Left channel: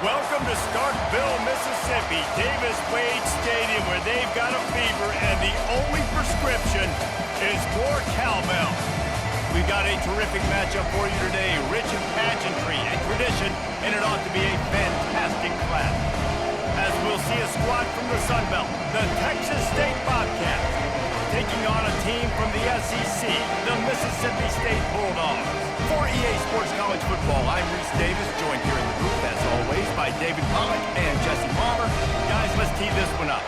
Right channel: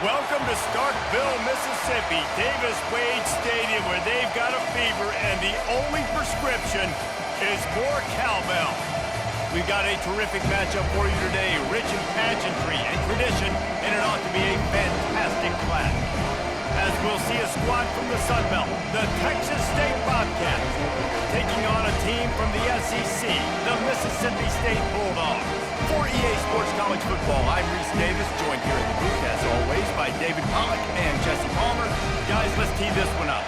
Welcome to Starkville, Mississippi, Davis-Wade Stadium, where they've got a fever, and the only prescription is more cowbell. We've got a terrific matchup for you today, rich in pageantry and tradition, and it ought to be a fantastic clash. As we'll see a squad from the Sun Belt, the Texas State Bobcats, taking on a team from the SEC, the Mississippi State Bulldogs. For EA Sports College Football, I'm Reese Davis, joined here in the booth, as always, by David Pollack and Jesse Palmer. Guys, let's tee this one up.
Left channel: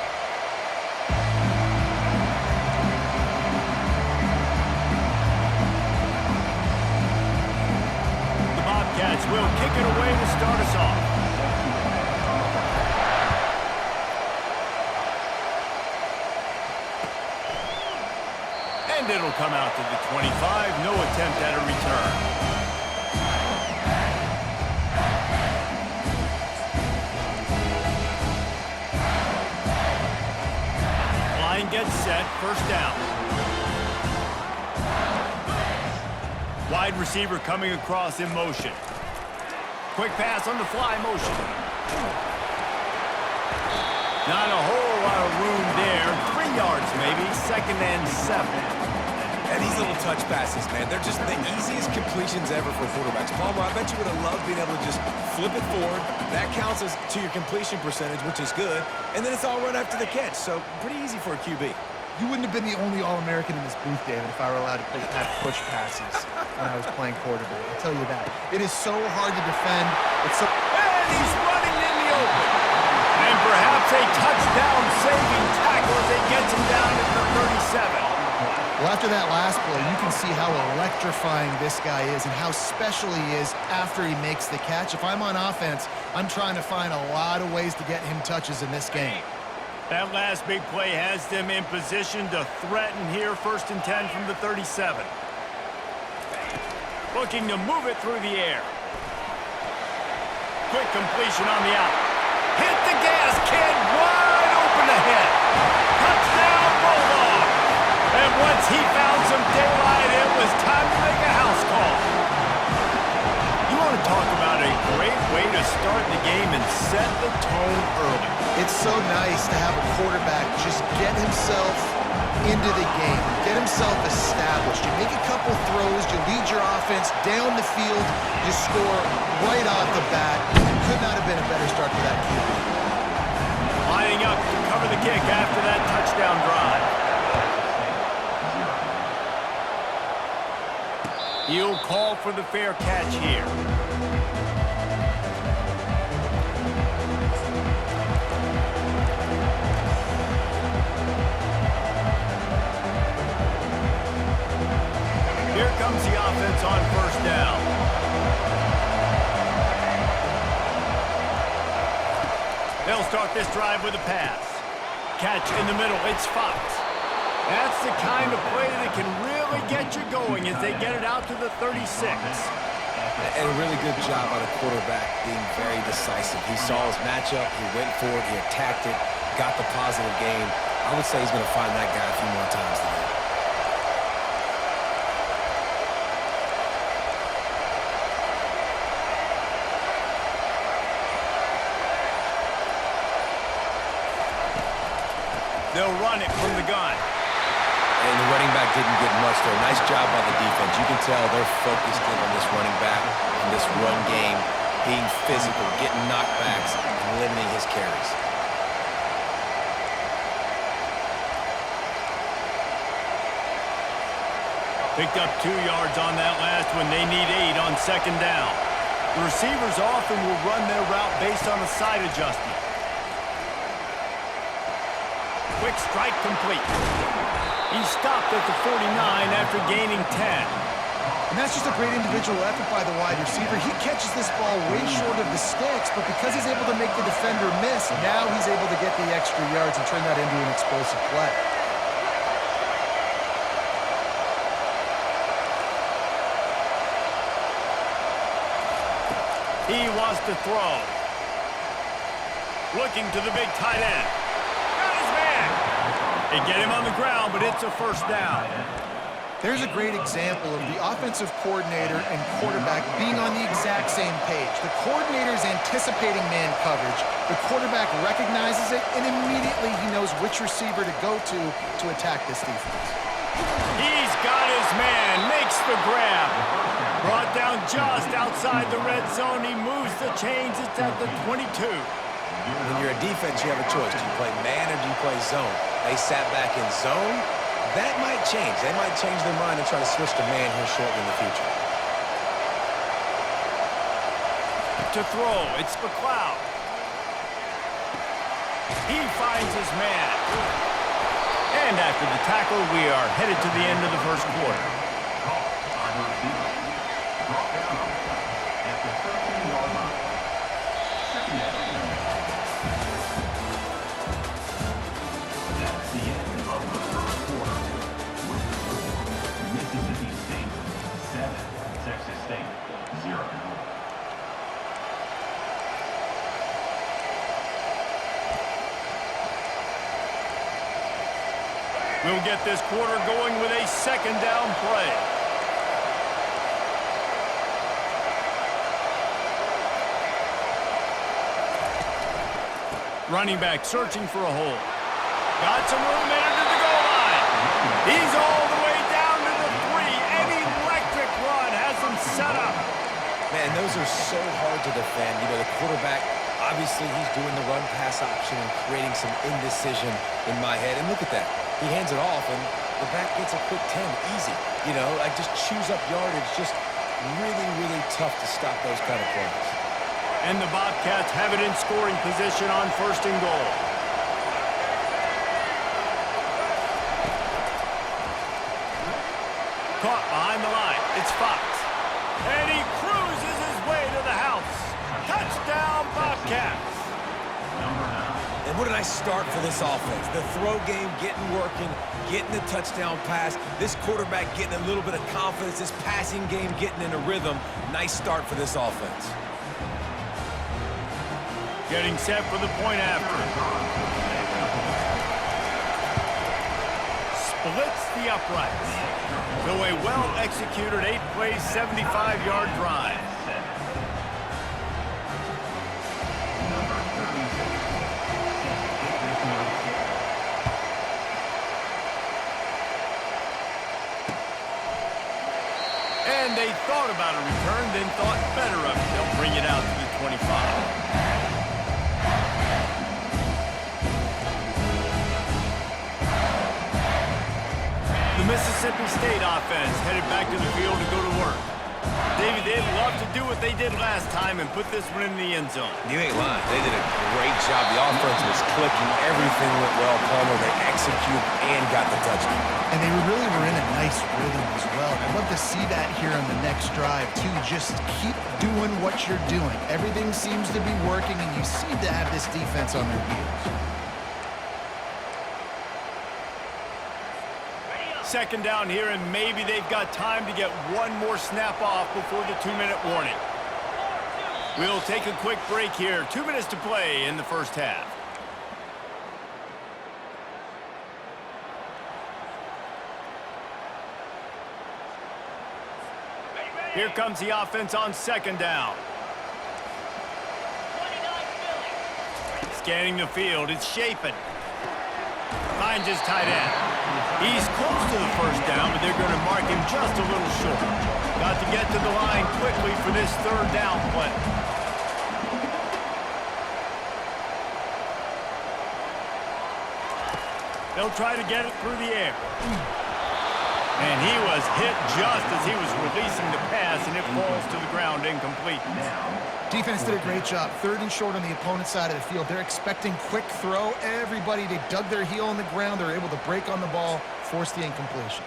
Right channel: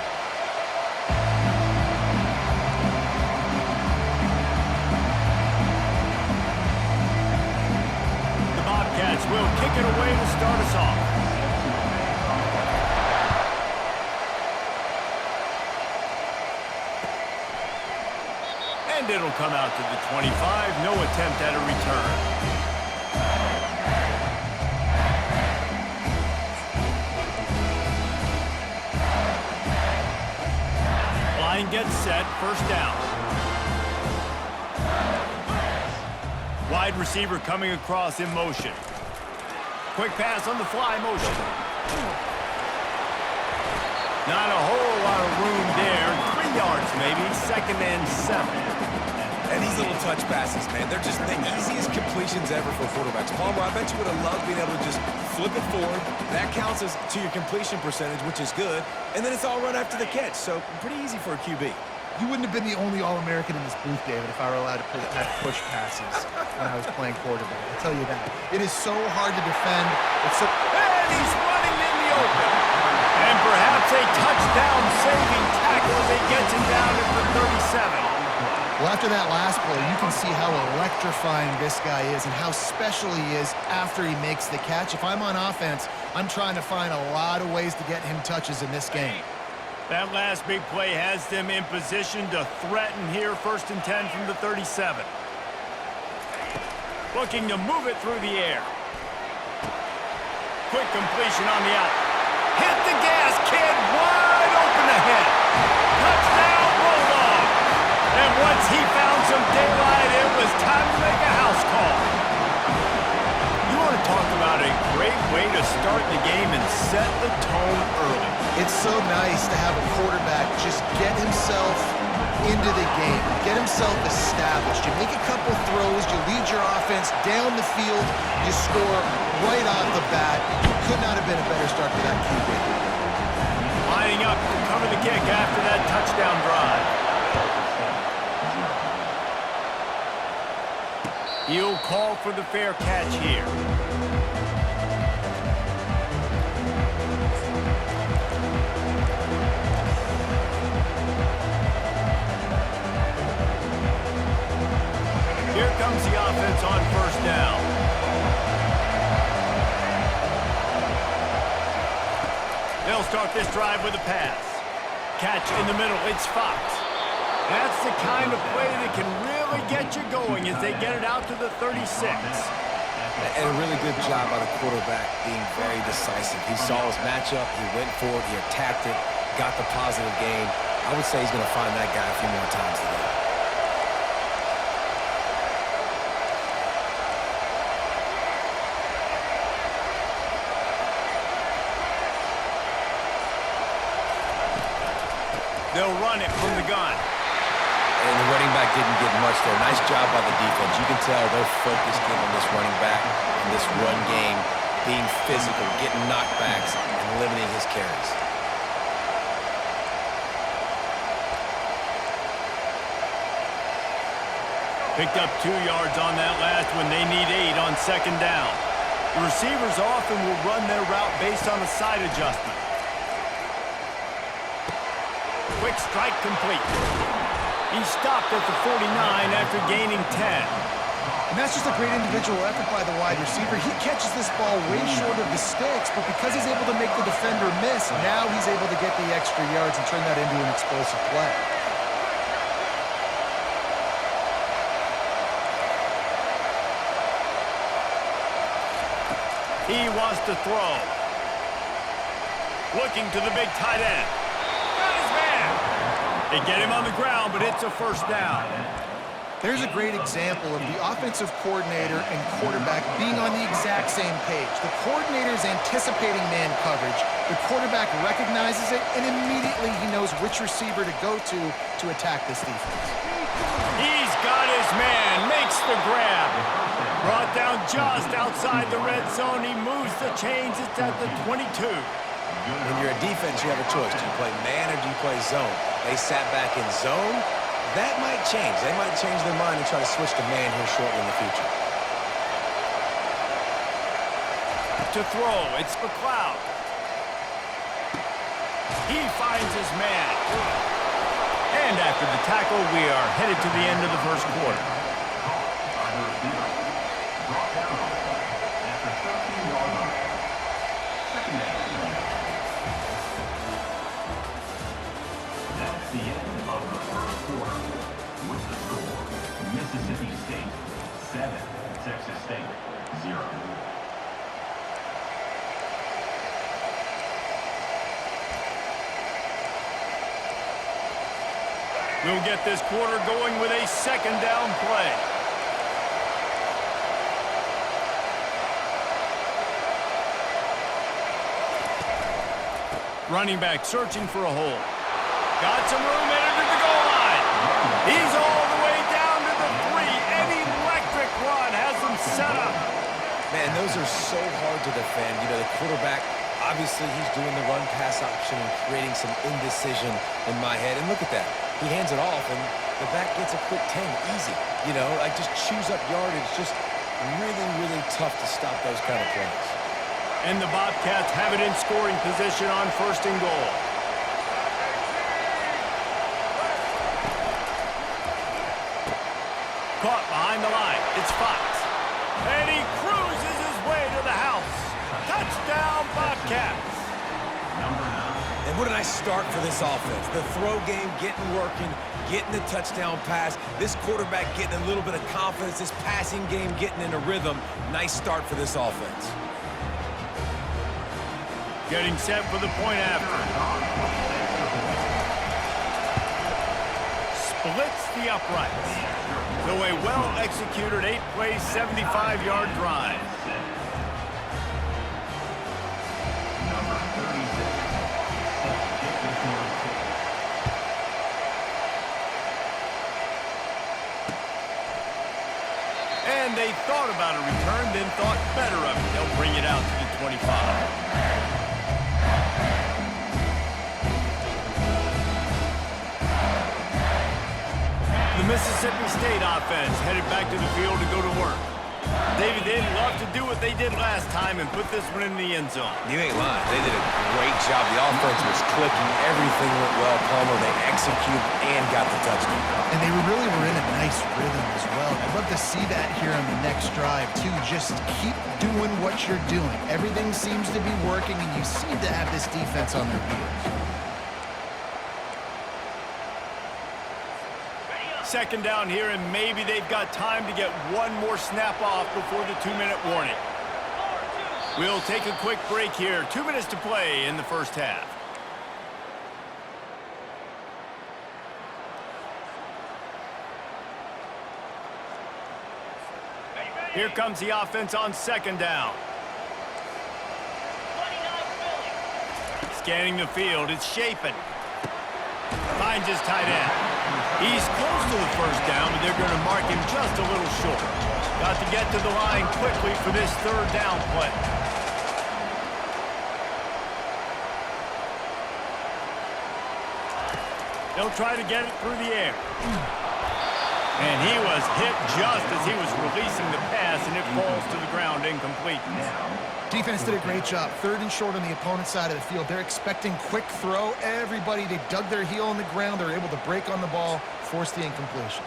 The Bobcats will kick it away to start us off. And it'll come out to the 25. No attempt at a return. Line gets set. First down. Wide receiver coming across in motion. Quick pass on the fly motion. Not a whole lot of room there. 3 yards maybe. 2nd and 7. And these little touch passes, man, they're just the easiest completions ever for quarterbacks. Palmer, I bet you would have loved being able to just flip it forward. That counts as to your completion percentage, which is good. And then it's all run after the catch, so pretty easy for a QB. You wouldn't have been the only All-American in this booth, David, if I were allowed to have push passes when I was playing quarterback. I'll tell you that. It is so hard to defend. It's so... And he's running in the open. And perhaps a touchdown-saving tackle as he gets him down at the 37. Well, after that last play, you can see how electrifying this guy is and how special he is after he makes the catch. If I'm on offense, I'm trying to find a lot of ways to get him touches in this game. That last big play has them in position to threaten here. 1st and 10 from the 37. Looking to move it through the air. Quick completion on the out. Hit the gas, kid. Wide open ahead. Touchdown, Bulldogs. And once he found some daylight, it was time to make a house call. You want to talk about a great way to start the game and set the tone early. It's so nice to have a quarterback just get himself into the game, get himself established. You make a couple throws, you lead your offense down the field, you score right off the bat. Could not have been a better start for that QB. Lining up to cover the kick after that touchdown drive. He'll call for the fair catch here. Here comes the offense on 1st down. They'll start this drive with a pass. Catch in the middle. It's Fox. That's the kind of play that can really get you going as they get it out to the 36. And a really good job by the quarterback being very decisive. He saw his matchup, he went for it, he attacked it, got the positive gain. I would say he's going to find that guy a few more times today. They'll run it from the gun. And the running back didn't get much there. Nice job by the defense. You can tell they're focused in on this running back and this run game, being physical, getting knockbacks, and limiting his carries. Picked up 2 yards on that last one. They need 8 on 2nd down. The receivers often will run their route based on a side adjustment. Quick strike complete. He stopped at the 49 after gaining 10. And that's just a great individual effort by the wide receiver. He catches this ball way short of the sticks, but because he's able to make the defender miss, now he's able to get the extra yards and turn that into an explosive play. He wants to throw. Looking to the big tight end. Got his man. They get him on the ground, but it's a 1st down. There's a great example of the offensive coordinator and quarterback being on the exact same page. The coordinator's anticipating man coverage. The quarterback recognizes it, and immediately he knows which receiver to go to attack this defense. He's got his man, makes the grab. Brought down just outside the red zone. He moves the chains. It's at the 22. When you're a defense, you have a choice. Do you play man or do you play zone? They sat back in zone. That might change. They might change their mind and try to switch to man here shortly in the future. To throw, it's McLeod. He finds his man. And after the tackle, we are headed to the end of the first quarter. That's the end of the first quarter. With the score, Mississippi State 7, Texas State 0. We'll get this quarter going with a second down play. Running back searching for a hole. Got some room headed to the goal line. He's all the way down to the 3. An electric run has him set up. Man, those are so hard to defend. You know, the quarterback, obviously he's doing the run-pass option and creating some indecision in my head. And look at that. He hands it off, and the back gets a quick 10. Easy. You know, like just chews up yardage. Just really, really tough to stop those kind of plays. And the Bobcats have it in scoring position on 1st and goal. Caught behind the line. It's Fox. And he cruises his way to the house. Touchdown, Bobcats. Number 9. And what a nice start for this offense. The throw game getting working, getting the touchdown pass. This quarterback getting a little bit of confidence. This passing game getting in a rhythm. Nice start for this offense. Getting set for the point after. Splits the uprights. So a well-executed 8-play, 75-yard drive. Number 36. Set to kick this one. And they thought about a return, then thought better of it. They'll bring it out to the 25. The Mississippi State offense headed back to the field to go to work. David, they'd love to do what they did last time and put this one in the end zone. You ain't lying. They did a great job. The offense was clicking. Everything went well. Palmer, they executed and got the touchdown. And they really were in a nice rhythm as well. And I'd love to see that here on the next drive, too. Just keep doing what you're doing. Everything seems to be working, and you seem to have this defense on their heels. Second down here, and maybe they've got time to get one more snap off before the 2-minute warning. We'll take a quick break here. 2 minutes to play in the first half. Here comes the offense on second down. Scanning the field, it's Shapen. Finds his tight end. He's close to the first down, but they're going to mark him just a little short. Got to get to the line quickly for this third down play. They'll try to get it through the air. And he was hit just as he was releasing the pass, and it falls to the ground incomplete. Defense did a great job. 3rd and short on the opponent's side of the field. They're expecting quick throw. Everybody, they dug their heel on the ground. They're able to break on the ball, force the incompletion.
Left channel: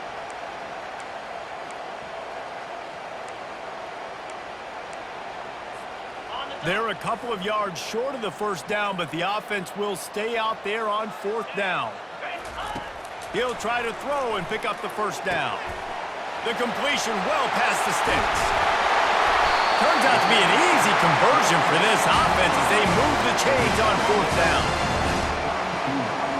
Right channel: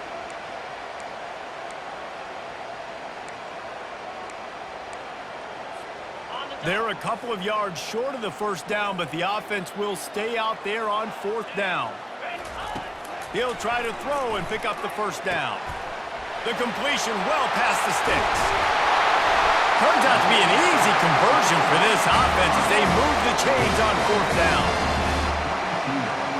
They're a couple of yards short of the first down, but the offense will stay out there on 4th down. He'll try to throw and pick up the first down. The completion well past the sticks. Turns out to be an easy conversion for this offense as they move the chains on 4th down.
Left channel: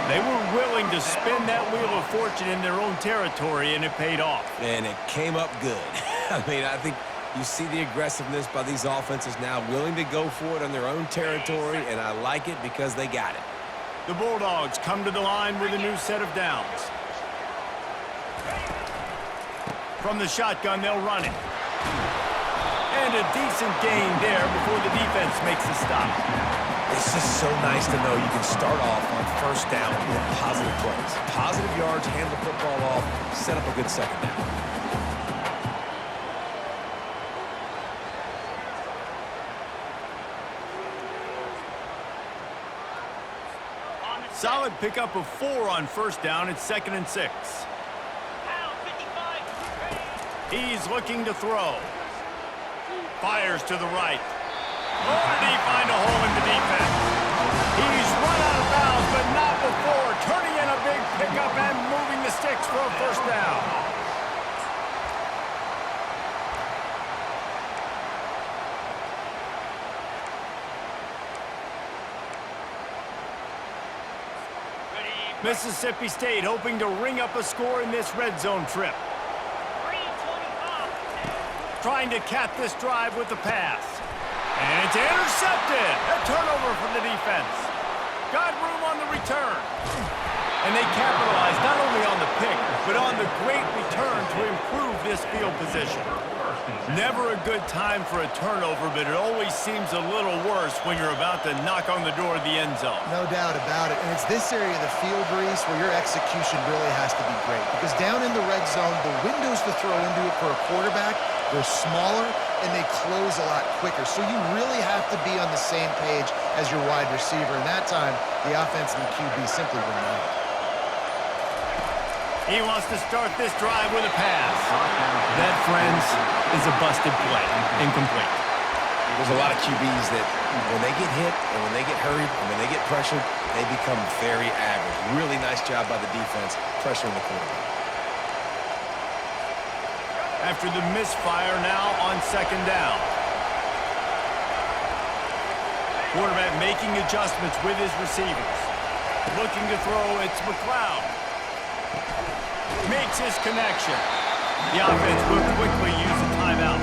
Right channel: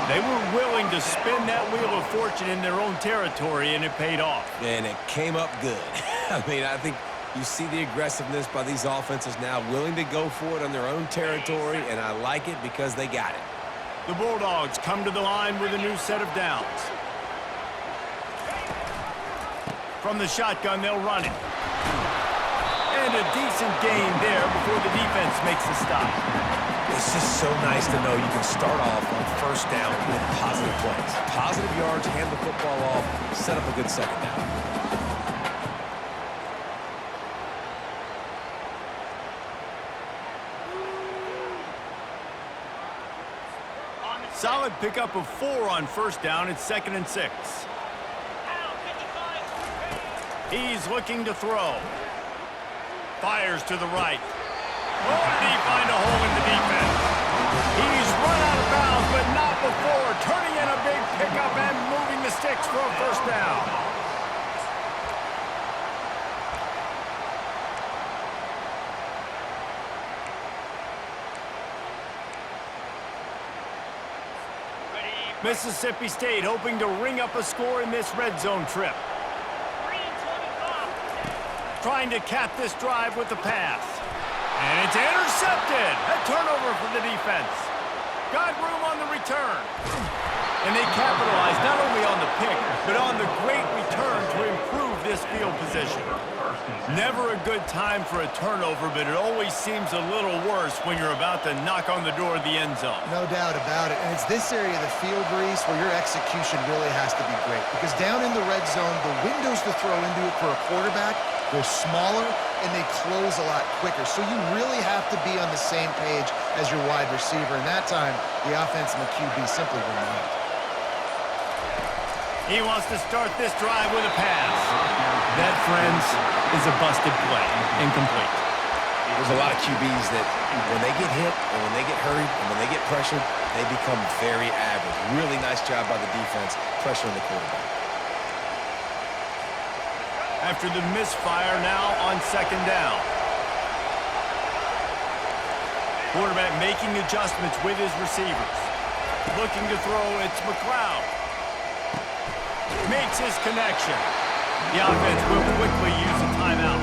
They were willing to spin that wheel of fortune in their own territory, and it paid off. And it came up good. I mean, I think you see the aggressiveness by these offenses now, willing to go for it on their own territory, and I like it because they got it. The Bulldogs come to the line with a new set of downs. From the shotgun, they'll run it. And a decent gain there before the defense makes the stop. It's just so nice to know you can start off on first down with positive plays. Positive yards, hand the football off, set up a good second down. Solid pickup of 4 on first down. It's 2nd and 6. He's looking to throw. Fires to the right. Oh, did he find a hole in the defense? He's run out of bounds, but not before. Turning in a big pickup and moving the sticks for a first down. Mississippi State hoping to ring up a score in this red zone trip. Trying to cap this drive with the pass. And it's intercepted. A turnover for the defense. Got room on the return. And they capitalized not only on the pick, but on the great return to improve this field position. Never a good time for a turnover, but it always seems a little worse when you're about to knock on the door of the end zone. No doubt about it. And it's this area of the field, Reese, where your execution really has to be great. Because down in the red zone, the windows to throw into it for a quarterback, they're smaller and they close a lot quicker. So you really have to be on the same page as your wide receiver. And that time, the offense and the QB simply were not. He wants to start this drive with a pass. That, friends, is a busted play. Incomplete. There's a lot of QBs that when they get hit and when they get hurried and when they get pressured, they become very average. Really nice job by the defense pressuring the quarterback. After the misfire, now on 2nd down. Quarterback making adjustments with his receivers. Looking to throw, it's McLeod. Makes his connection. The offense will quickly use a timeout.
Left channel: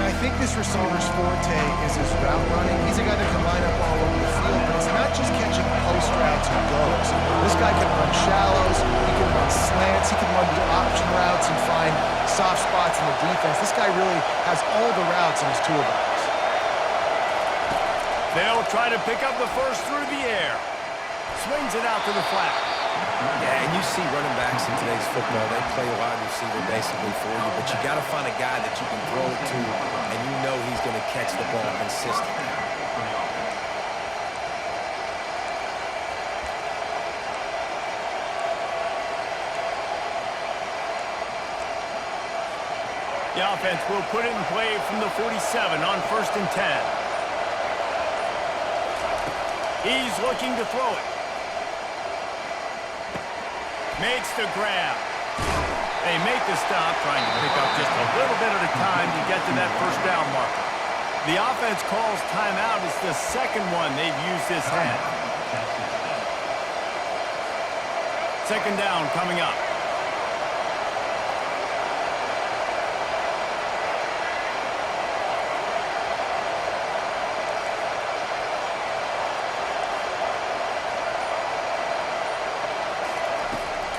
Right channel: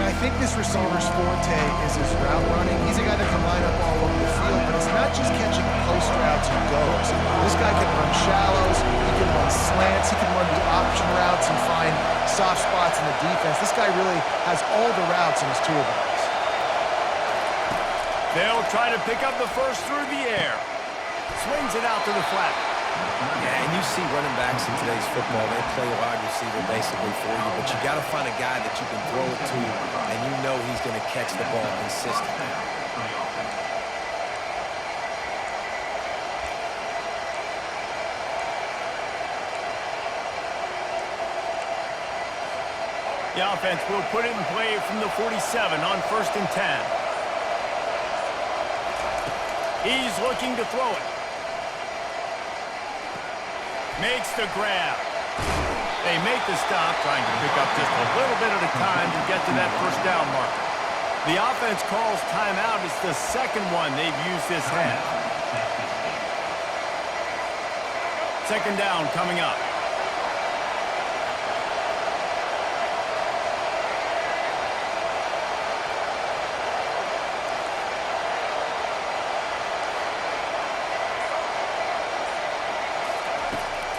I think this receiver's forte is his route running. He's a guy that can line up all over the field, but it's not just catching post routes and goes. This guy can run shallows, he can run slants, he can run the option routes and find soft spots in the defense. This guy really has all the routes in his toolbox. They'll try to pick up the first through the air. Swings it out to the flat. Yeah, and you see running backs in today's football, they play wide receiver basically for you, but you got to find a guy that you can throw it to, and you know he's going to catch the ball consistently. The offense will put it in play from the 47 on 1st and 10. He's looking to throw it. Makes the grab. They make the stop, trying to pick up just a little bit at a time to get to that first down marker. The offense calls timeout. It's the second one they've used this half. 2nd down coming up.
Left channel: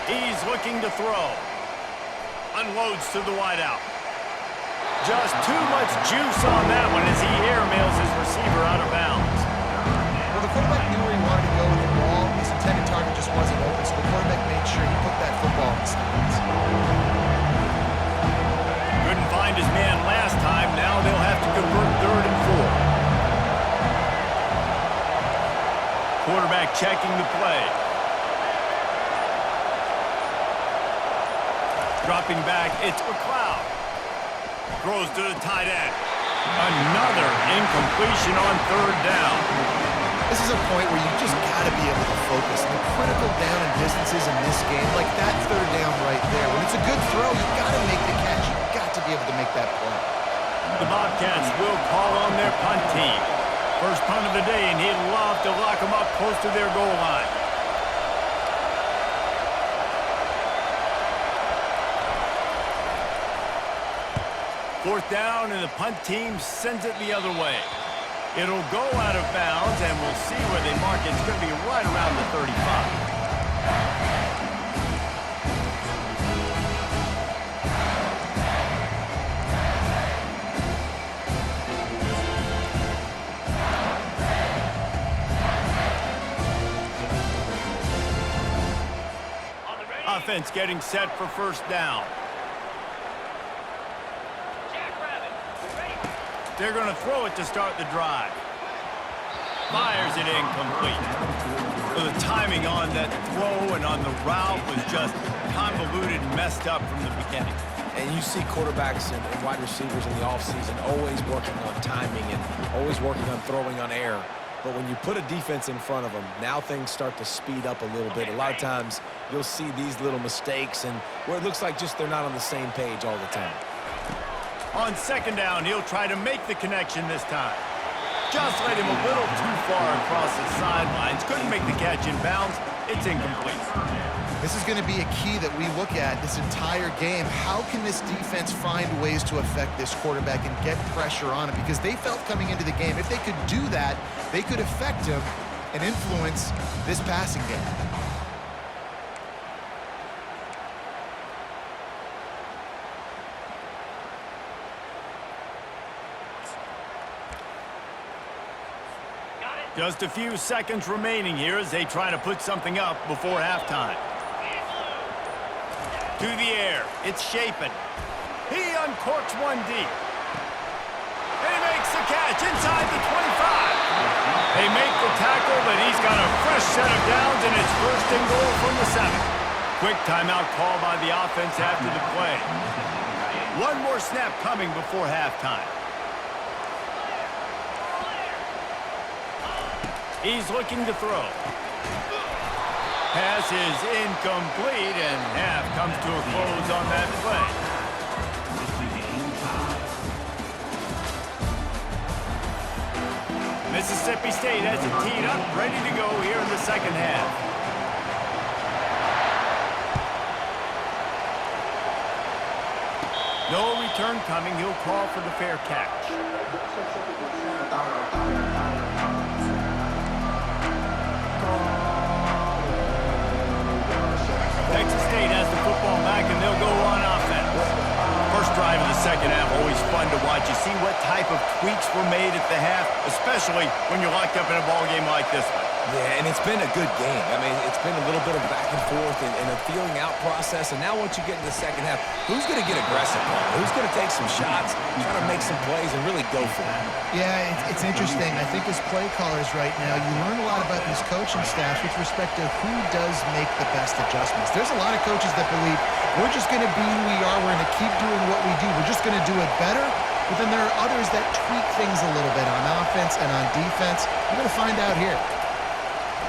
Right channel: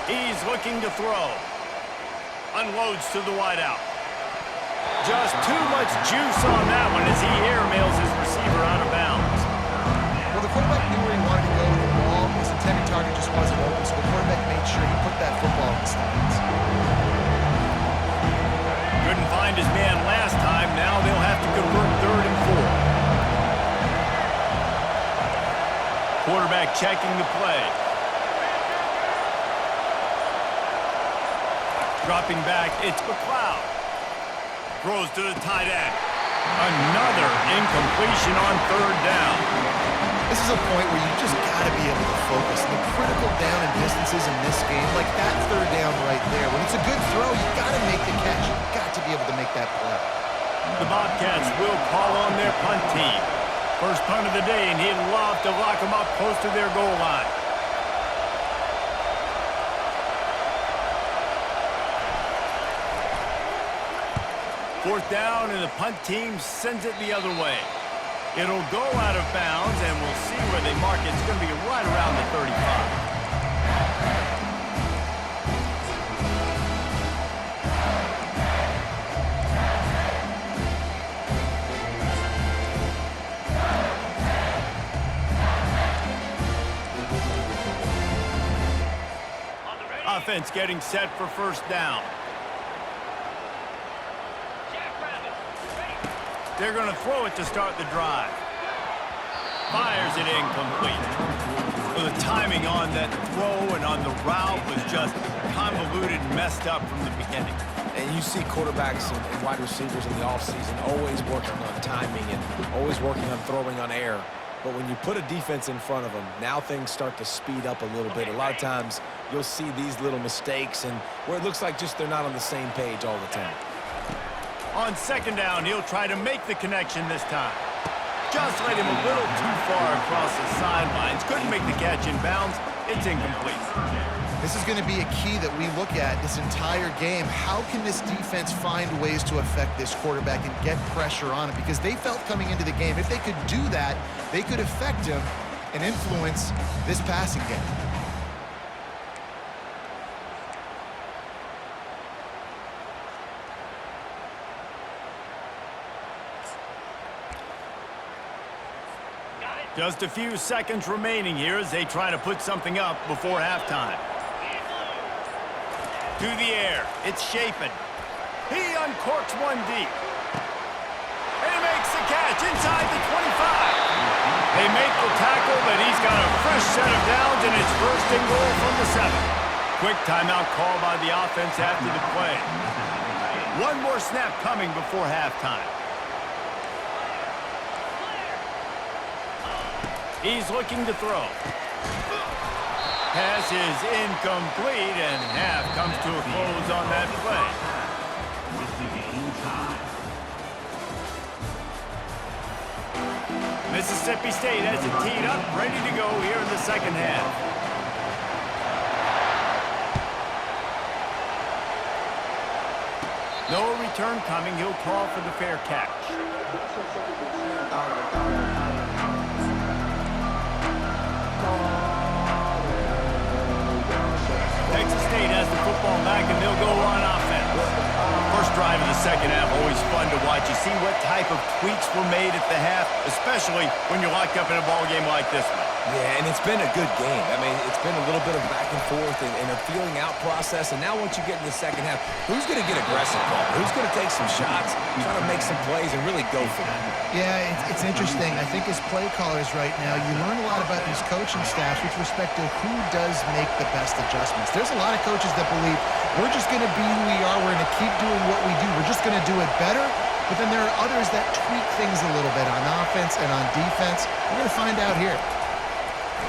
He's looking to throw. Unloads to the wideout. Just too much juice on that one as he airmails his receiver out of bounds. Well, the quarterback knew where he wanted to go with the ball. His intended target just wasn't open, so the quarterback made sure he put that football in the stands. Couldn't find his man last time. Now they'll have to convert 3rd and 4. Quarterback checking the play. Dropping back, it's McLeod. Throws to the tight end. Another incompletion on 3rd down. This is a point where you just got to be able to focus. And the critical down and distances in this game, like that 3rd down right there, when it's a good throw, you got to make the catch. You got to be able to make that play. The Bobcats will call on their punt team. First punt of the day, and he'd love to lock them up close to their goal line. 4th down, and the punt team sends it the other way. It'll go out of bounds, and we'll see where they mark it. It's going to be right around the 35. Offense getting set for 1st down. They're going to throw it to start the drive. Fires it incomplete. Well, the timing on that throw and on the route was just convoluted and messed up from the beginning. And you see quarterbacks and wide receivers in the offseason always working on timing and always working on throwing on air. But when you put a defense in front of them, now things start to speed up a little bit. A lot of times you'll see these little mistakes and where it looks like just they're not on the same page all the time. On 2nd down, he'll try to make the connection this time. Just led him a little too far across the sidelines. Couldn't make the catch in bounds. It's incomplete. This is going to be a key that we look at this entire game. How can this defense find ways to affect this quarterback and get pressure on him? Because they felt coming into the game, if they could do that, they could affect him and influence this passing game. Just a few seconds remaining here as they try to put something up before halftime. To the air. It's Shapen. He uncorks one deep. And he makes the catch inside the 25. They make the tackle, but he's got a fresh set of downs, and it's 1st and goal from the 7. Quick timeout call by the offense after the play. One more snap coming before halftime. He's looking to throw. Pass is incomplete, and half comes to a close on that play. Mississippi State has it teed up, ready to go here in the 2nd half. No return coming. He'll call for the fair catch. Texas State has the football back, and they'll go on offense. First drive of the 2nd half, always fun to watch. You see what type of tweaks were made at the half, especially when you're locked up in a ball game like this one. Yeah, and it's been a good game. I mean, it's been a little bit of back and forth and a feeling out process. And now once you get in the 2nd half, who's going to get aggressive, Paul? Who's going to take some shots, try to make some plays, and really go for it? Yeah, it's interesting. I think as play callers right now, you learn a lot about these coaching staffs with respect to who does make the best adjustments. There's a lot of coaches that believe we're just going to be who we are. We're going to keep doing what we do. We're just going to do it better. But then there are others that tweak things a little bit on offense and on defense. We're going to find out here.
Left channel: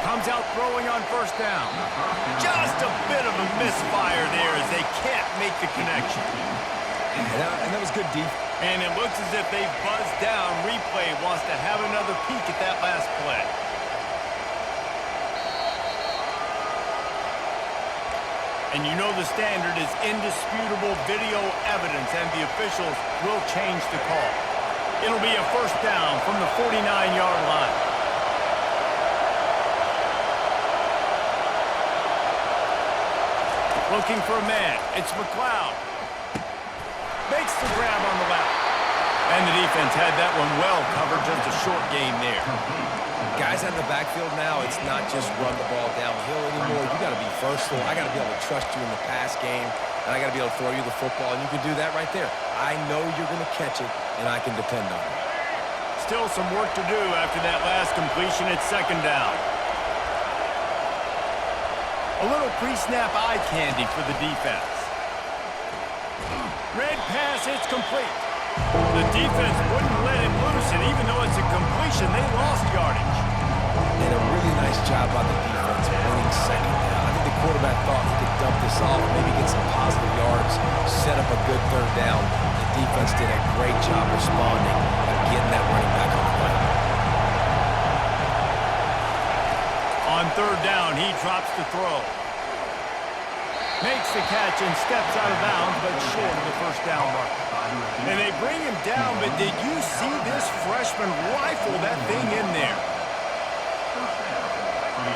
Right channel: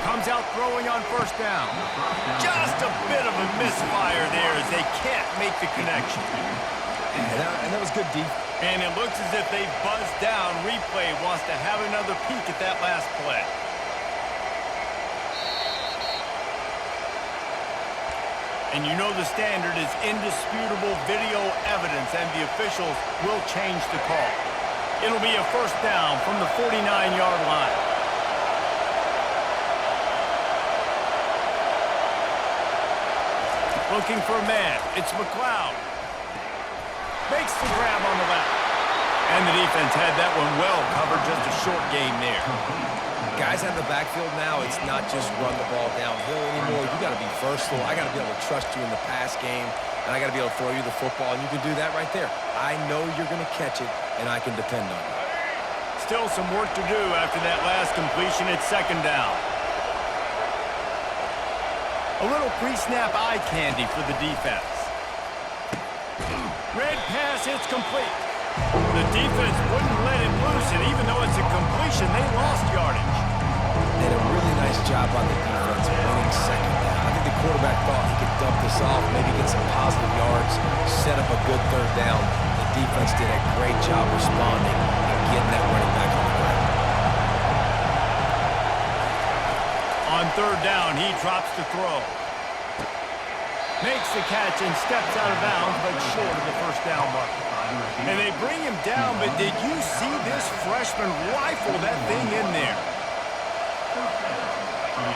Comes out throwing on 1st down. Just a bit of a misfire there as they can't make the connection. And that was good defense. And it looks as if they've buzzed down. Replay wants to have another peek at that last play. And you know the standard is indisputable video evidence, and the officials will change the call. It'll be a 1st down from the 49-yard line. Looking for a man. It's McLeod. Makes the grab on the left. And the defense had that one well covered. Just a short game there. Guys out of the backfield now, it's not just run the ball downhill anymore. You got to be versatile. I got to be able to trust you in the pass game, and I got to be able to throw you the football, and you can do that right there. I know you're going to catch it, and I can depend on you. Still some work to do after that last completion at 2nd down. A little pre-snap eye candy for the defense. Red pass, it's complete. The defense wouldn't let him loose, and even though it's a completion, they lost yardage. Did a really nice job on the defense winning 2nd down. I think the quarterback thought he could dump this off, maybe get some positive yards, set up a good 3rd down. The defense did a great job responding and getting that running back on the ground. On 3rd down, he drops to throw. Makes the catch and steps out of bounds, but short of the first down mark. And they bring him down, but did you see this freshman rifle that thing in there?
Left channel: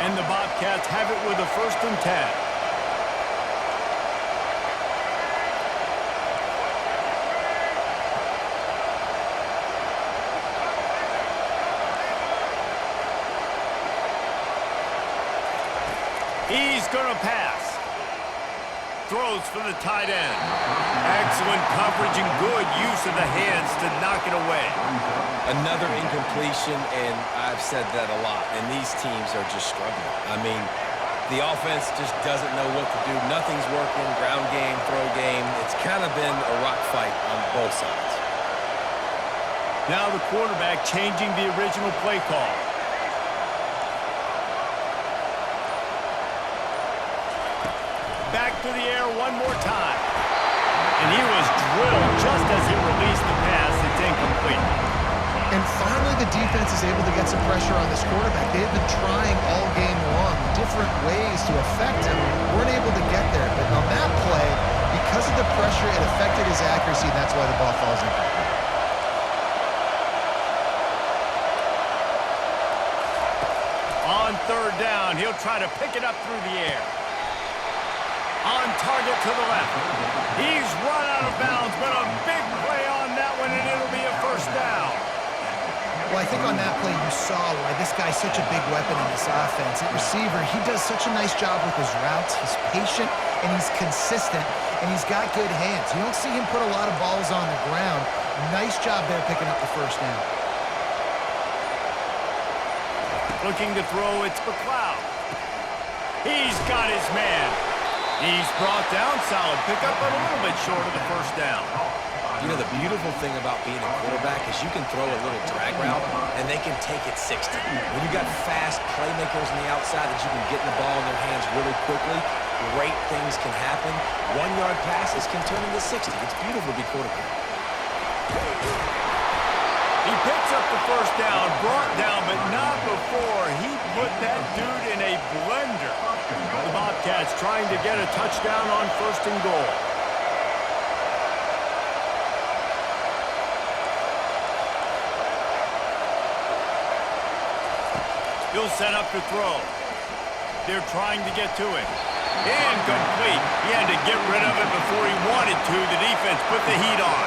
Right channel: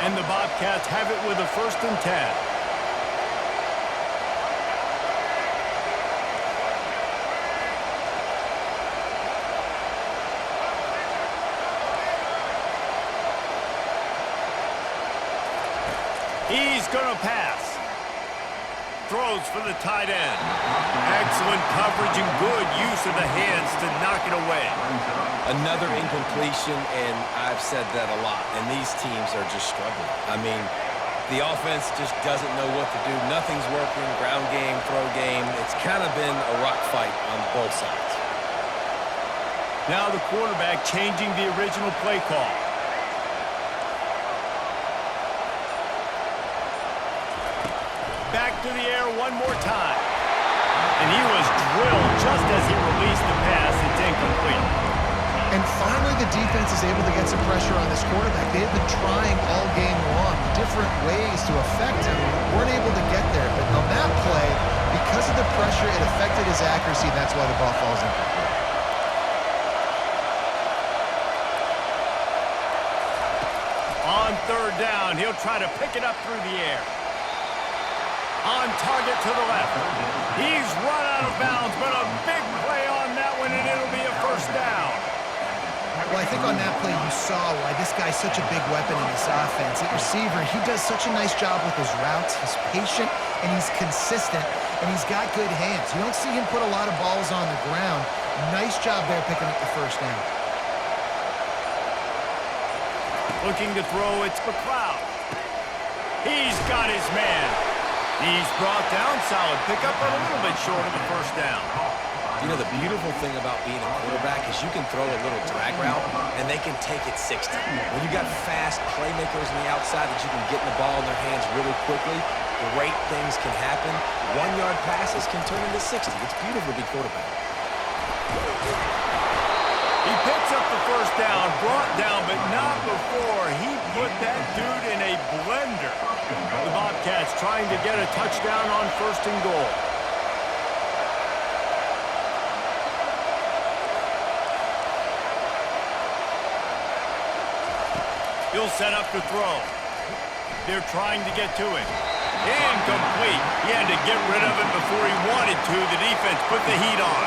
And the Bobcats have it with a 1st and 10. He's going to pass. Throws for the tight end. Excellent coverage and good use of the hands to knock it away. Another incompletion, and I've said that a lot, and these teams are just struggling. I mean, the offense just doesn't know what to do. Nothing's working, ground game, throw game. It's kind of been a rock fight on both sides. Now the quarterback changing the original play call. Back to the air one more time. And he was drilled just as he released the pass. It's incomplete. And finally, the defense is able to get some pressure on this quarterback. They have been trying all game long, different ways to affect him. Weren't able to get there. But on that play, because of the pressure, it affected his accuracy, and that's why the ball falls incomplete. On 3rd down, he'll try to pick it up through the air. On target to the left. He's run out of bounds, but a big play on that one, and it'll be a 1st down. Well, I think on that play you saw why this guy's such a big weapon in this offense. At receiver, he does such a nice job with his routes. He's patient, and he's consistent, and he's got good hands. You don't see him put a lot of balls on the ground. Nice job there picking up the 1st down. Looking to throw, it's McLeod. He's got his man. He's brought down, solid pickup, but a little bit short of the 1st down. You know, the beautiful thing about being a quarterback is you can throw a little drag route, and they can take it 60. When you got fast playmakers on the outside that you can get the ball in their hands really quickly, great things can happen. 1-yard passes can turn into 60. It's beautiful to be quarterback. He picks up the 1st down, brought down, but not before he put that dude in a blender. The Bobcats trying to get a touchdown on 1st and goal. He'll set up to throw. They're trying to get to him. Incomplete. He had to get rid of it before he wanted to. The defense put the heat on.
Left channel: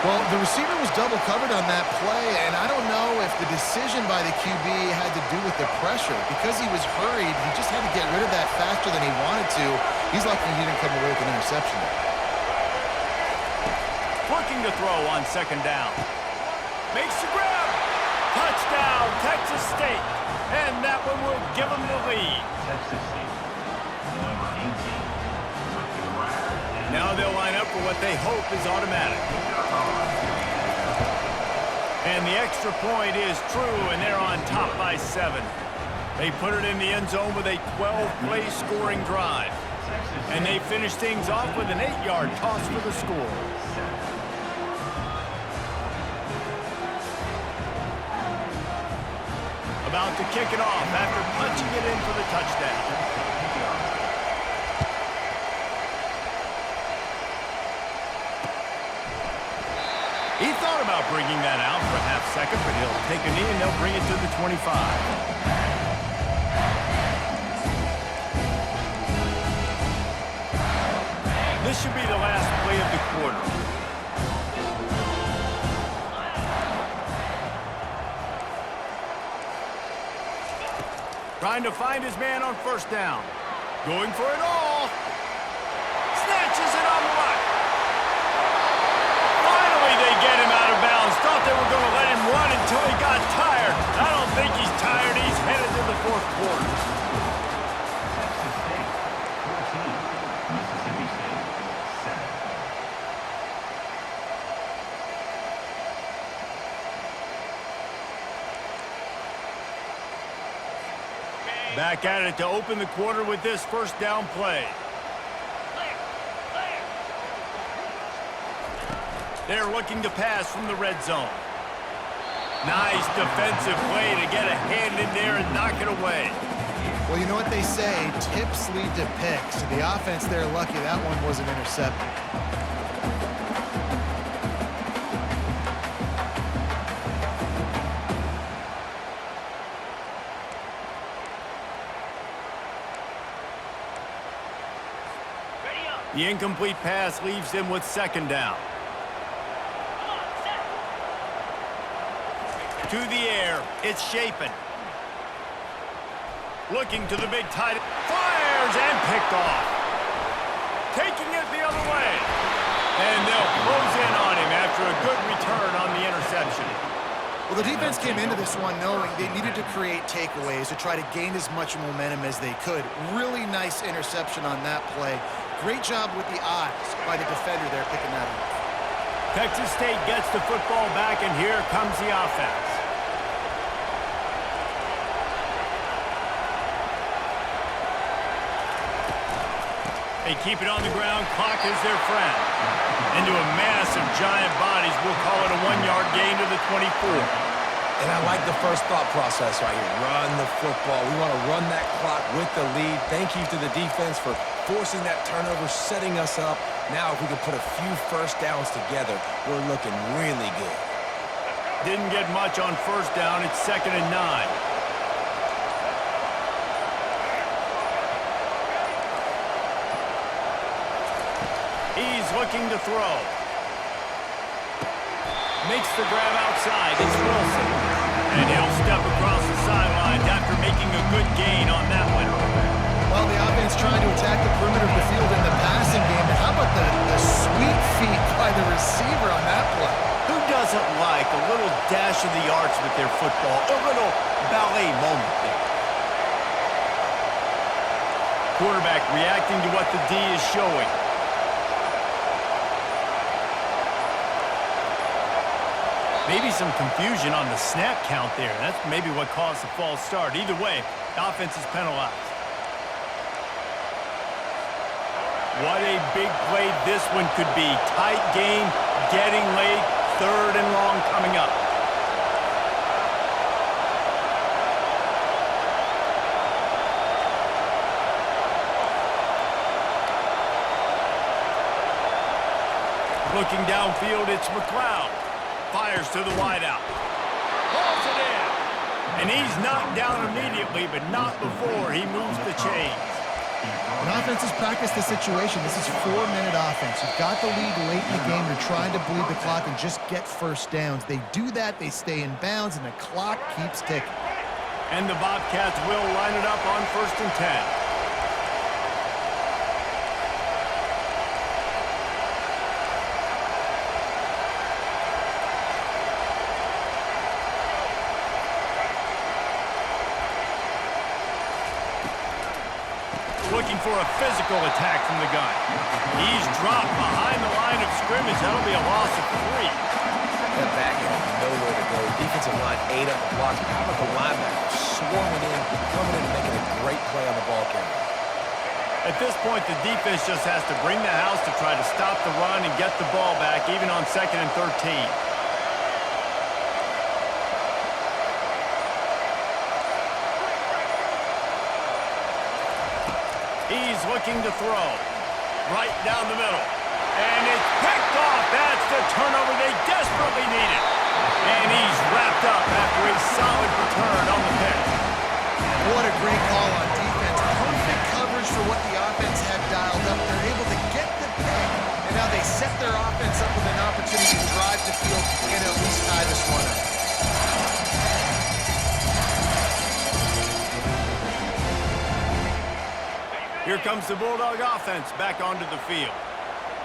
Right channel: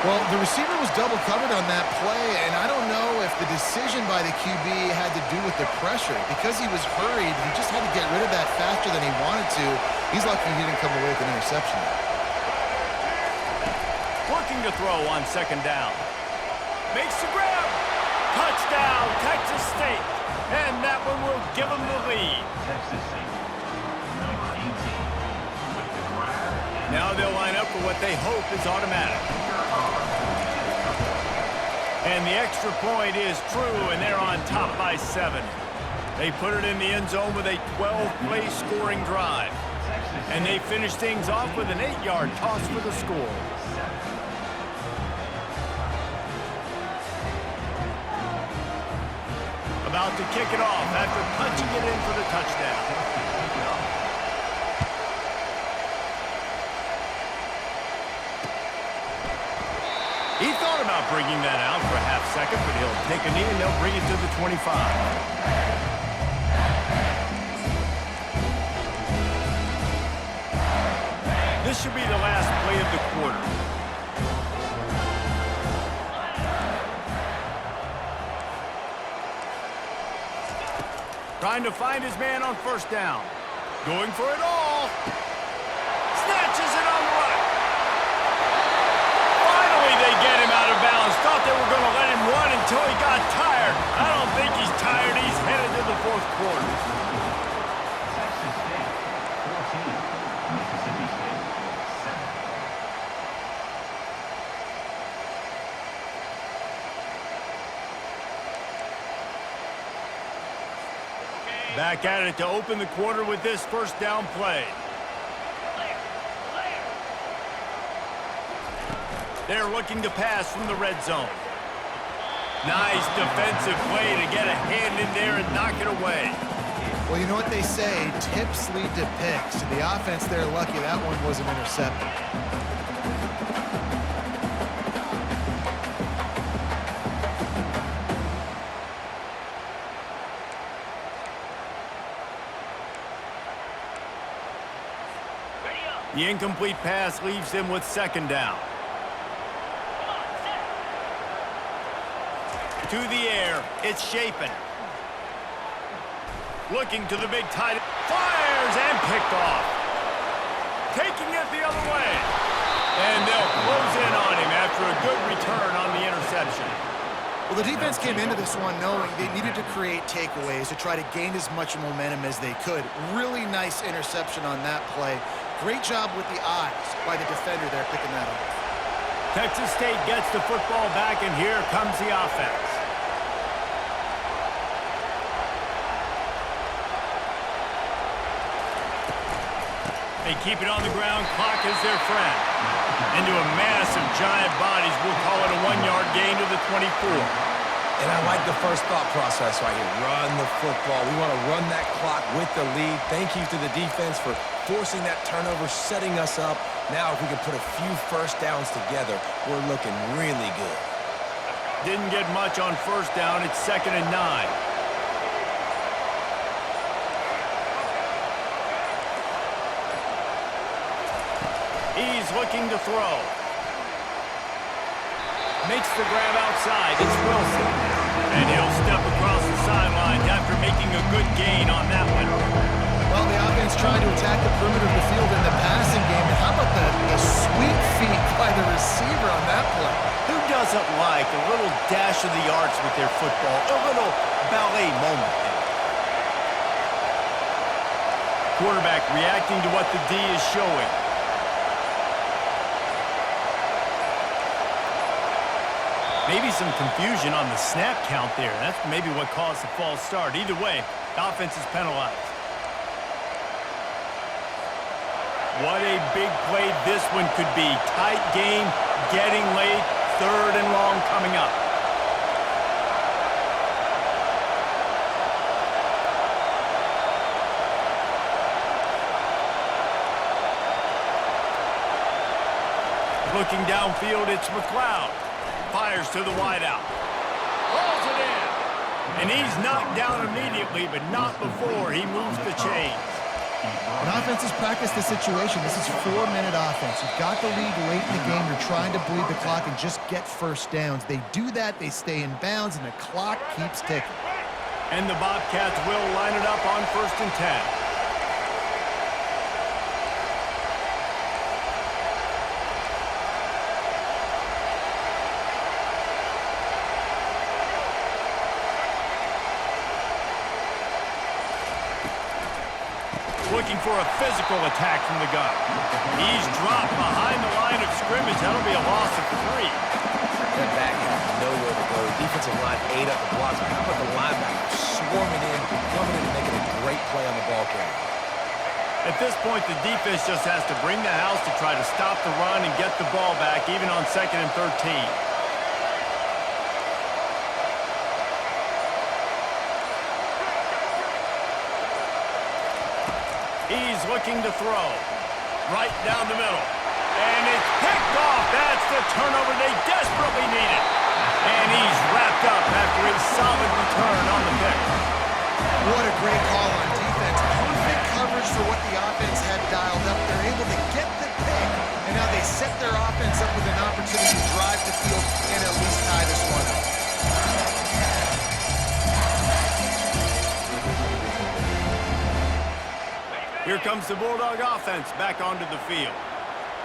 Well, the receiver was double covered on that play, and I don't know if the decision by the QB had to do with the pressure. Because he was hurried, he just had to get rid of that faster than he wanted to. He's lucky he didn't come away with an interception there. Looking to throw on 2nd down. Makes the grab. Touchdown, Texas State. And that one will give them the lead. Texas State, number 18, with the grab. Now they'll line up for what they hope is automatic. And the extra point is true, and they're on top by 7. They put it in the end zone with a 12-play scoring drive. And they finish things off with an 8-yard toss for the score. About to kick it off after punching it in for the touchdown. He thought about bringing that out for a half-second, but he'll take a knee and they'll bring it to the 25. This should be the last play of the quarter. Trying to find his man on 1st down. Going for it all. Snatches it on the right. Finally, they get him out of bounds. Thought they were going to let him run until he got tired. I don't think he's tired. He's headed to the 4th quarter. Texas State, 14. Mississippi State, 7. Back at it to open the quarter with this 1st down play. They're looking to pass from the red zone. Nice defensive play to get a hand in there and knock it away. Well, you know what they say, tips lead to picks. And the offense, they're lucky that one wasn't intercepted. The incomplete pass leaves him with second down. To the air, it's Shapen. Looking to the big tight end. Fires and picked off. Taking it the other way. And they'll close in on him after a good return on the interception. Well, the defense came into this one knowing they needed to create takeaways to try to gain as much momentum as they could. Really nice interception on that play. Great job with the eyes by the defender there picking that off. Texas State gets the football back, and here comes the offense. They keep it on the ground. Clock is their friend. Into a mass of giant bodies. We'll call it a 1-yard gain to the 24. And I like the first thought process right here. Run the football. We want to run that clock with the lead. Thank you to the defense for forcing that turnover, setting us up. Now, if we can put a few first downs together, we're looking really good. Didn't get much on first down. It's 2nd and 9. He's looking to throw. Makes the grab outside. It's Wilson. And he'll step across the sidelines after making a good gain on that one. Well, the offense trying to attack the perimeter of the field in the passing game. And how about the sweet feet by the receiver on that play? Who doesn't like a little dash of the arts with their football? A little ballet moment there. Quarterback reacting to what the D is showing. Maybe some confusion on the snap count there. That's maybe what caused the false start. Either way, the offense is penalized. What a big play this one could be. Tight game, getting late, 3rd and long coming up. Looking downfield, it's McLeod. Fires to the wideout. Hauls it in. And he's knocked down immediately, but not before he moves the chains. An offense has practiced the situation. This is 4-minute offense. You've got the lead late in the game. You're trying to bleed the clock and just get first downs. They do that, they stay in bounds, and the clock keeps ticking. And the Bobcats will line it up on 1st and 10. Looking for a physical attack from the gun. He's dropped behind the line of scrimmage. That'll be a loss of 3. That back had nowhere to go. Defensive line ate up the blocks. But how about the linebacker swarming in, coming in and making a great play on the ball carrier? At this point, the defense just has to bring the house to try to stop the run and get the ball back, even on 2nd and 13. He's looking to throw. Right down the middle. And it's picked off. That's the turnover they desperately needed. And he's wrapped up after a solid return on the pick. What a great call on defense. Perfect coverage for what the offense had dialed up. They're able to get the pick, and now they set their offense up with an opportunity to drive the field and at least tie this one up. Here comes the Bulldog offense back onto the field.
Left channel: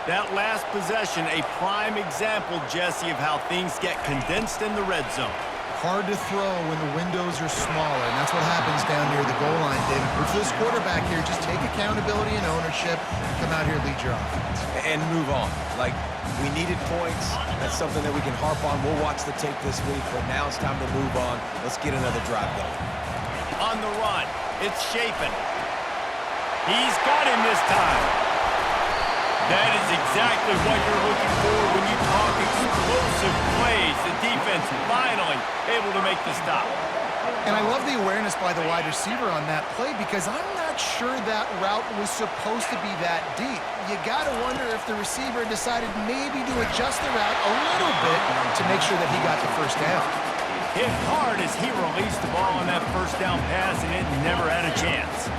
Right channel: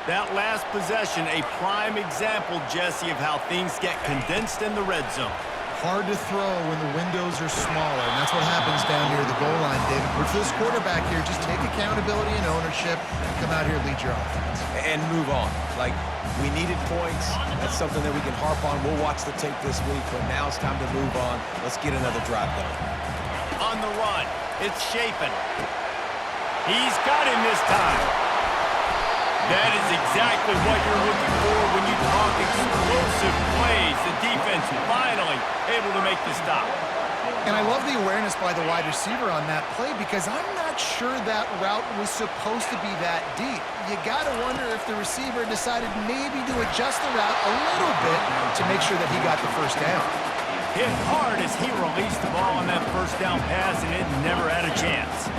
That last possession, a prime example, Jesse, of how things get condensed in the red zone. Hard to throw when the windows are smaller, and that's what happens down near the goal line, David. But for this quarterback here, just take accountability and ownership and come out here and lead your offense. And move on. Like, we needed points. That's something that we can harp on. We'll watch the tape this week, but now it's time to move on. Let's get another drive going. On the run, it's Shapen. He's got him this time. That is exactly what you're looking for when you talk explosive plays. The defense finally able to make the stop. And I love the awareness by the wide receiver on that play because I'm not sure that route was supposed to be that deep. You got to wonder if the receiver decided maybe to adjust the route a little bit to make sure that he got the first down. Hit hard as he released the ball on that first down pass, and it never had a chance.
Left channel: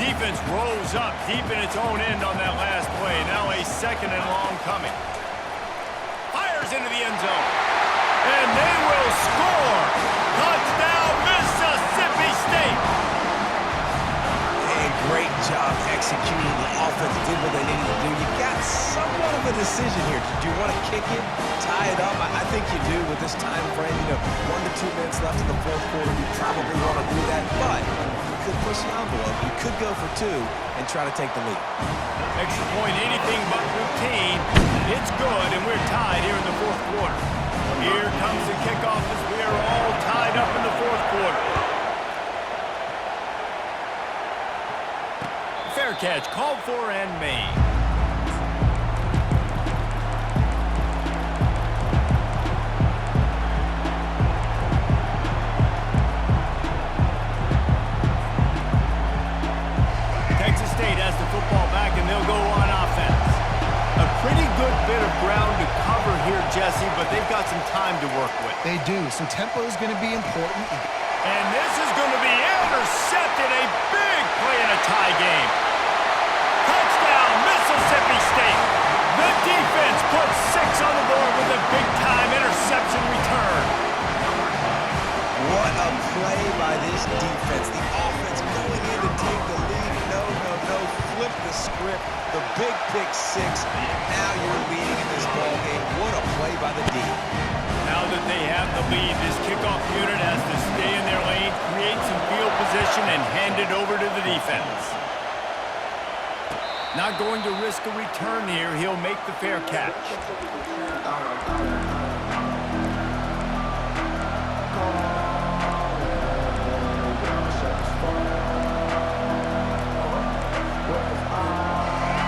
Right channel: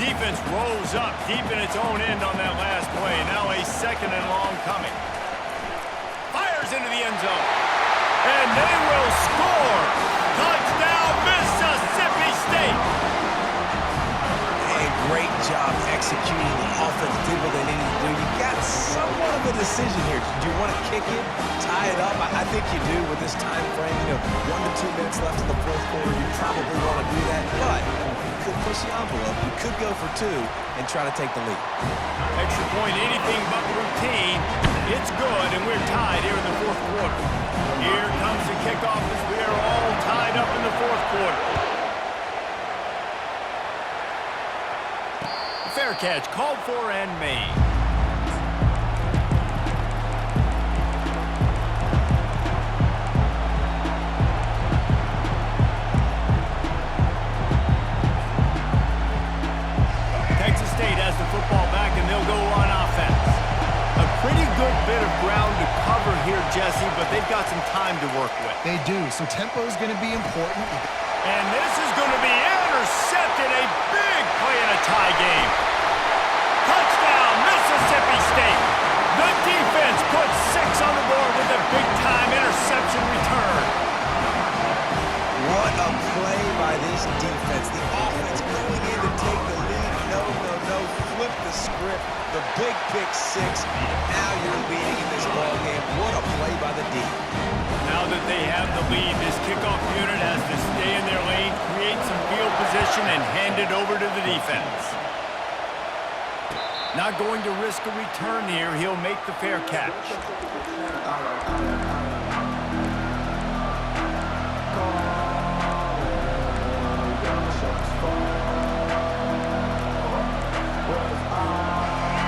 Defense rose up deep in its own end on that last play. Now a second and long coming. Fires into the end zone. And they will score. Touchdown, Mississippi State. And great job executing. The offense did what they needed to do. You got somewhat of a decision here. Do you want to kick it, tie it up? I think you do with this time frame. 1 to 2 minutes left in the fourth quarter. You probably want to do that, but you could push the envelope. You could go for 2 and try to take the lead. Extra point, anything but routine. It's good, and we're tied here in the fourth quarter. Here comes the kickoff as we are all tied up in the fourth quarter. Fair catch called for and made. Texas State has the football back, and they'll go on offense. A pretty good bit of ground to cover here, Jesse, but they've got some time to work with. They do, so tempo is going to be important. And this is going to be intercepted. A big play in a tie game. Touchdown, Mississippi State. The defense puts 6 on the board with a big-time interception return. What a play by this defense. The offense going in to take the lead. No. Flip the script. The big pick 6. Now you're leading in this ball game. What a play by the D. Now that they have the lead, this kickoff unit has to stay in their lane, create some field position, and hand it over to the defense. Not going to risk a return here. He'll make the fair catch.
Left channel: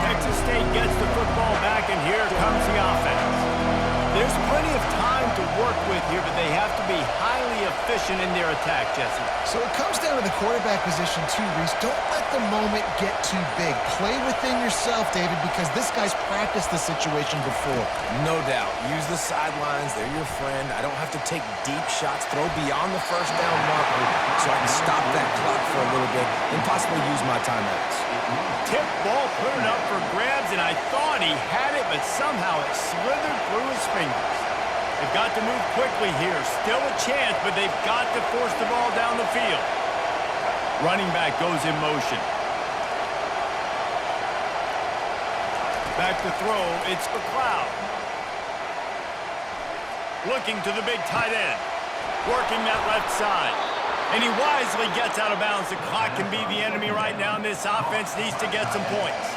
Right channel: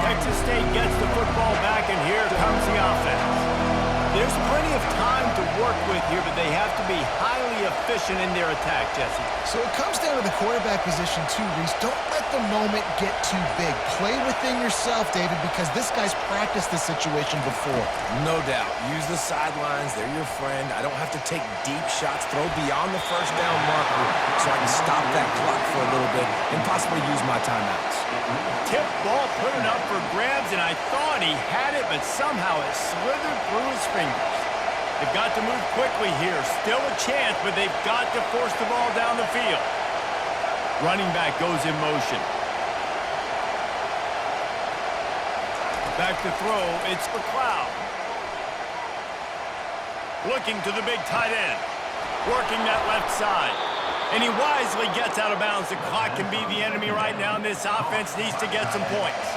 Texas State gets the football back, and here comes the offense. There's plenty of time to work with here, but they have to be highly efficient in their attack, Jesse. So it comes down to the quarterback position too, Reese. Don't let the moment get too big. Play within yourself, David, because this guy's practiced this situation before. No doubt. Use the sidelines. They're your friend. I don't have to take deep shots, throw beyond the first down marker so I can stop that clock for a little bit and possibly use my timeouts. Tip ball put it up for grabs, and I thought he had it, but somehow it slithered through his fingers. They've got to move quickly here. Still a chance, but they've got to force the ball down the field. Running back goes in motion. Back to throw, it's McLeod. Looking to the big tight end. Working that left side. And he wisely gets out of bounds. The clock can be the enemy right now, and this offense needs to get some points.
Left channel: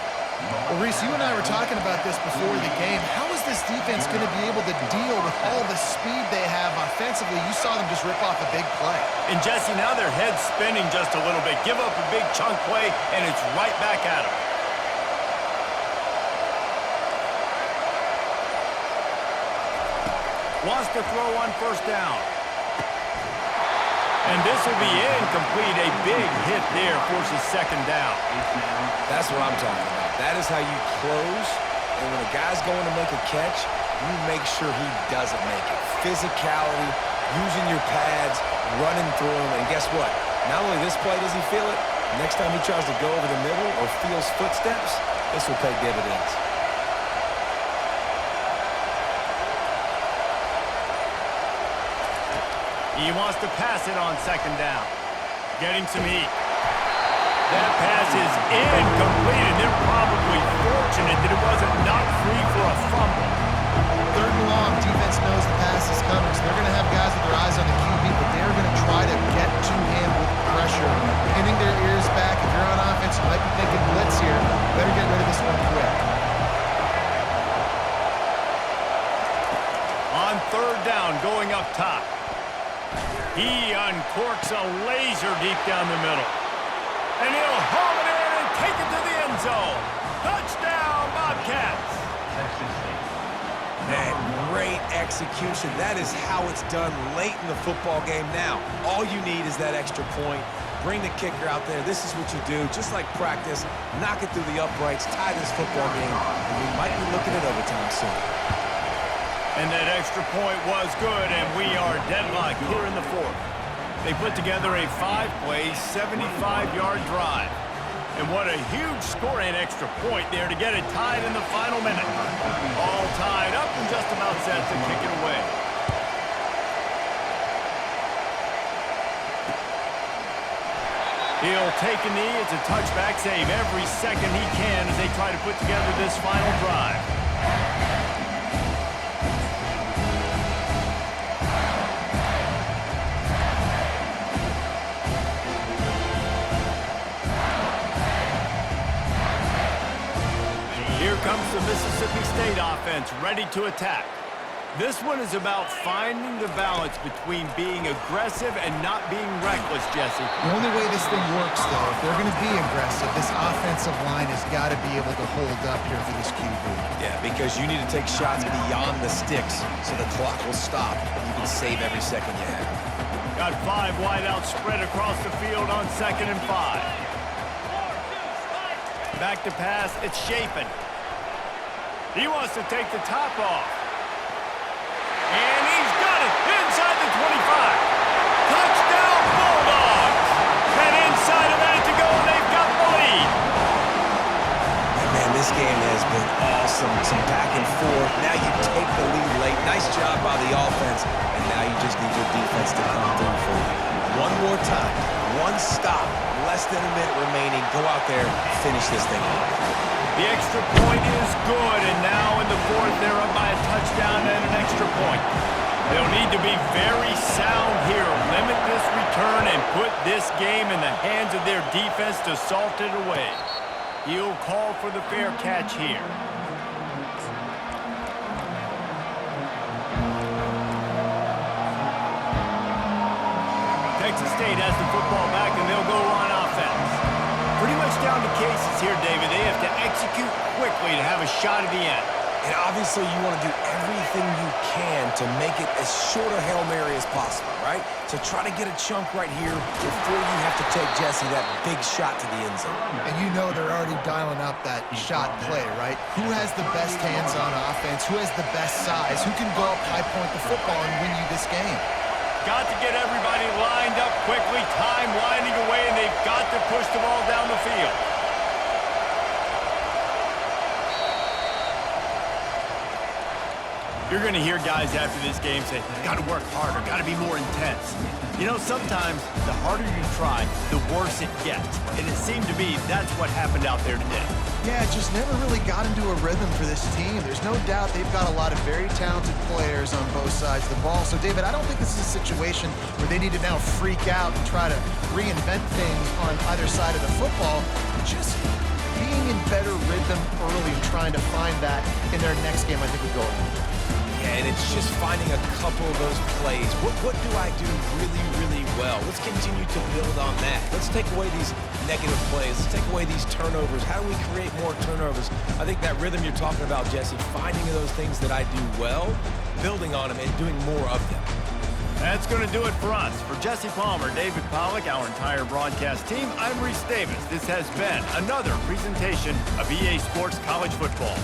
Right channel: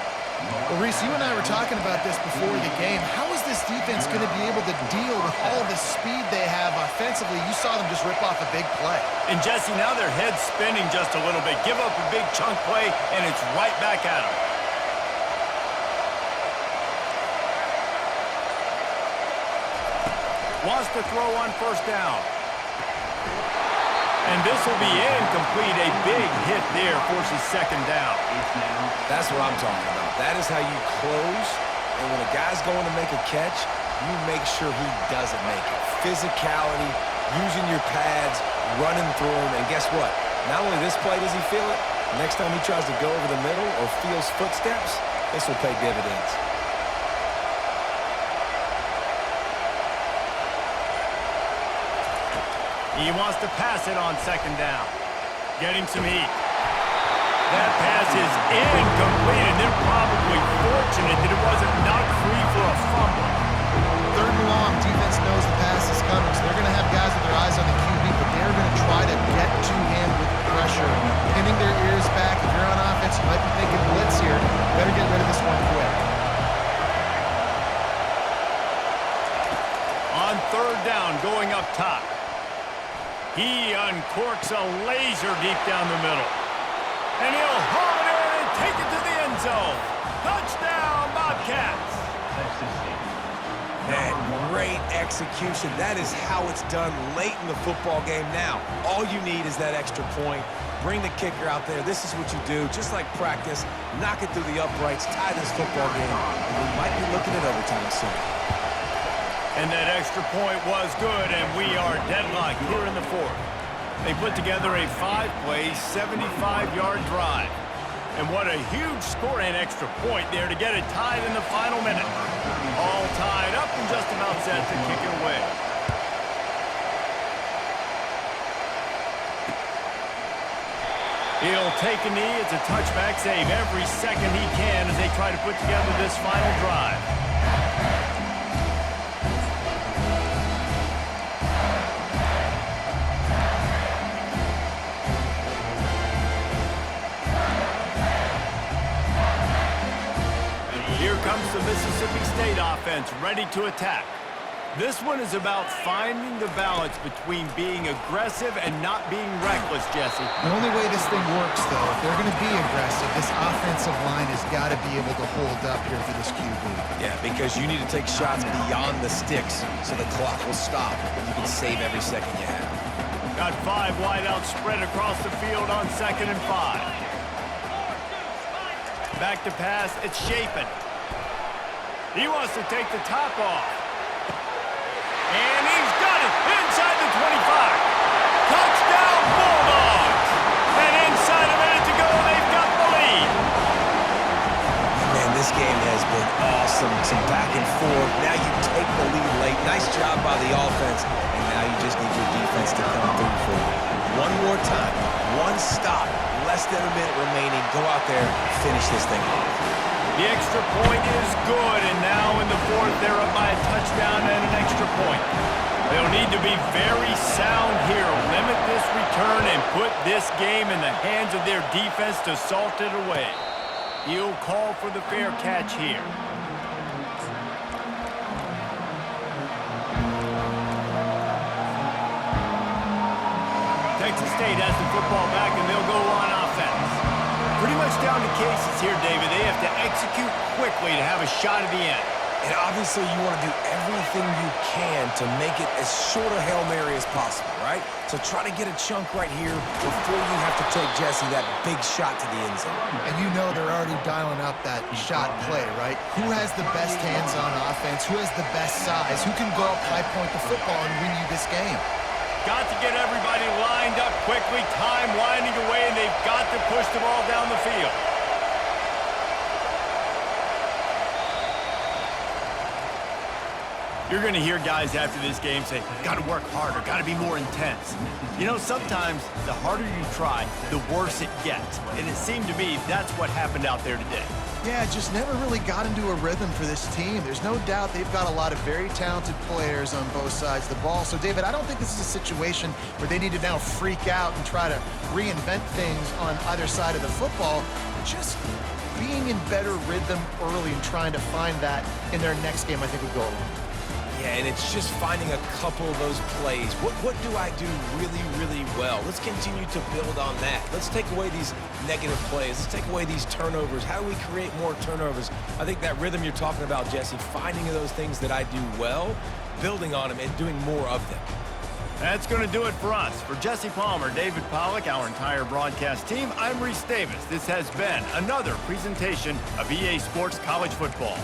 Well, Reese, you and I were talking about this before the game. How is this defense going to be able to deal with all the speed they have offensively? You saw them just rip off a big play. And, Jesse, now their head's spinning just a little bit. Give up a big chunk play, and it's right back at them. Wants to throw on first down. And this will be incomplete. A big hit there forces second down. That's what I'm talking about. That is how you close. And when a guy's going to make a catch, you make sure he doesn't make it. Physicality, using your pads, running through them. And guess what? Not only this play does he feel it, next time he tries to go over the middle or feels footsteps, this will pay dividends. He wants to pass it on second down. Getting some heat. That pass is incomplete, and they're probably fortunate that it wasn't knocked free for a fumble. Third and long, defense knows the pass is coming, so they're going to have guys with their eyes on the QB, but they're going to try to get to him with pressure, pinning their ears back. If you're on offense, you might be thinking blitz here. Better get rid of this one quick. On third down, going up top. He uncorks a laser deep down the middle. And he'll haul it in and take it to the end zone. Touchdown, Bobcats. Texas State. Man, great execution. That is how it's done late in the football game now. All you need is that extra point. Bring the kicker out there. This is what you do. Just like practice, knock it through the uprights, tie this football game, and we might be looking at overtime soon. And that extra point was good, and we are deadlocked here in the fourth. They put together a 5-play, 75-yard drive. And what a huge score and extra point there to get it tied in the final minute. All tied up and just about set to kick it away. He'll take a knee. It's a touchback save every second he can as they try to put together this final drive. Here comes the Mississippi State offense ready to attack. This one is about finding the balance between being aggressive and not being reckless, Jesse. The only way this thing works, though, if they're going to be aggressive, this offensive line has got to be able to hold up here for this QB. Yeah, because you need to take shots beyond the sticks so the clock will stop. You can save every second you have. Got 5 wideouts spread across the field on 2nd and 5. Back to pass, it's Shapen. He wants to take the top off. And he's got it inside the 25. Touchdown Bulldogs. And inside a minute to go, they've got the lead. Man, this game has been awesome. Some back and forth. Now you take the lead late. Nice job by the offense. And now you just need your defense to come through for you. One more time. One stop. Less than a minute remaining. Go out there, finish this thing off. The extra point is good, and now in the fourth, they're up by a touchdown and an extra point. They'll need to be very sound here, limit this return, and put this game in the hands of their defense to salt it away. He'll call for the fair catch here. Texas State has the football back, and they'll go on offense. Pretty much down to cases here, David. They have to execute quickly to have a shot at the end. And obviously you want to do everything you can to make it as short a Hail Mary as possible, right? So try to get a chunk right here before you have to take Jesse that big shot to the end zone. And you know they're already dialing up that shot play, right? Who has the best hands on offense? Who has the best size? Who can go up high point the football and win you this game? Got to get everybody lined up quickly, time winding away, and they've got to push the ball down the field. You're going to hear guys after this game say, got to work harder, got to be more intense. You know, sometimes the harder you try, the worse it gets. And it seemed to me that's what happened out there today. Yeah, just never really got into a rhythm for this team. There's no doubt they've got a lot of very talented players on both sides of the ball. So, David, I don't think this is a situation where they need to now freak out and try to reinvent things on either side of the football. Just being in better rhythm early and trying to find that in their next game, I think would go a long way. Yeah, and it's just finding a couple of those plays. What do I do really, really well? Let's continue to build on that. Let's take away these negative plays. Let's take away these turnovers. How do we create more turnovers? I think that rhythm you're talking about, Jesse, finding those things that I do well, building on them, and doing more of them. That's going to do it for us. For Jesse Palmer, David Pollack, our entire broadcast team, I'm Reese Davis. This has been another presentation of EA Sports College Football.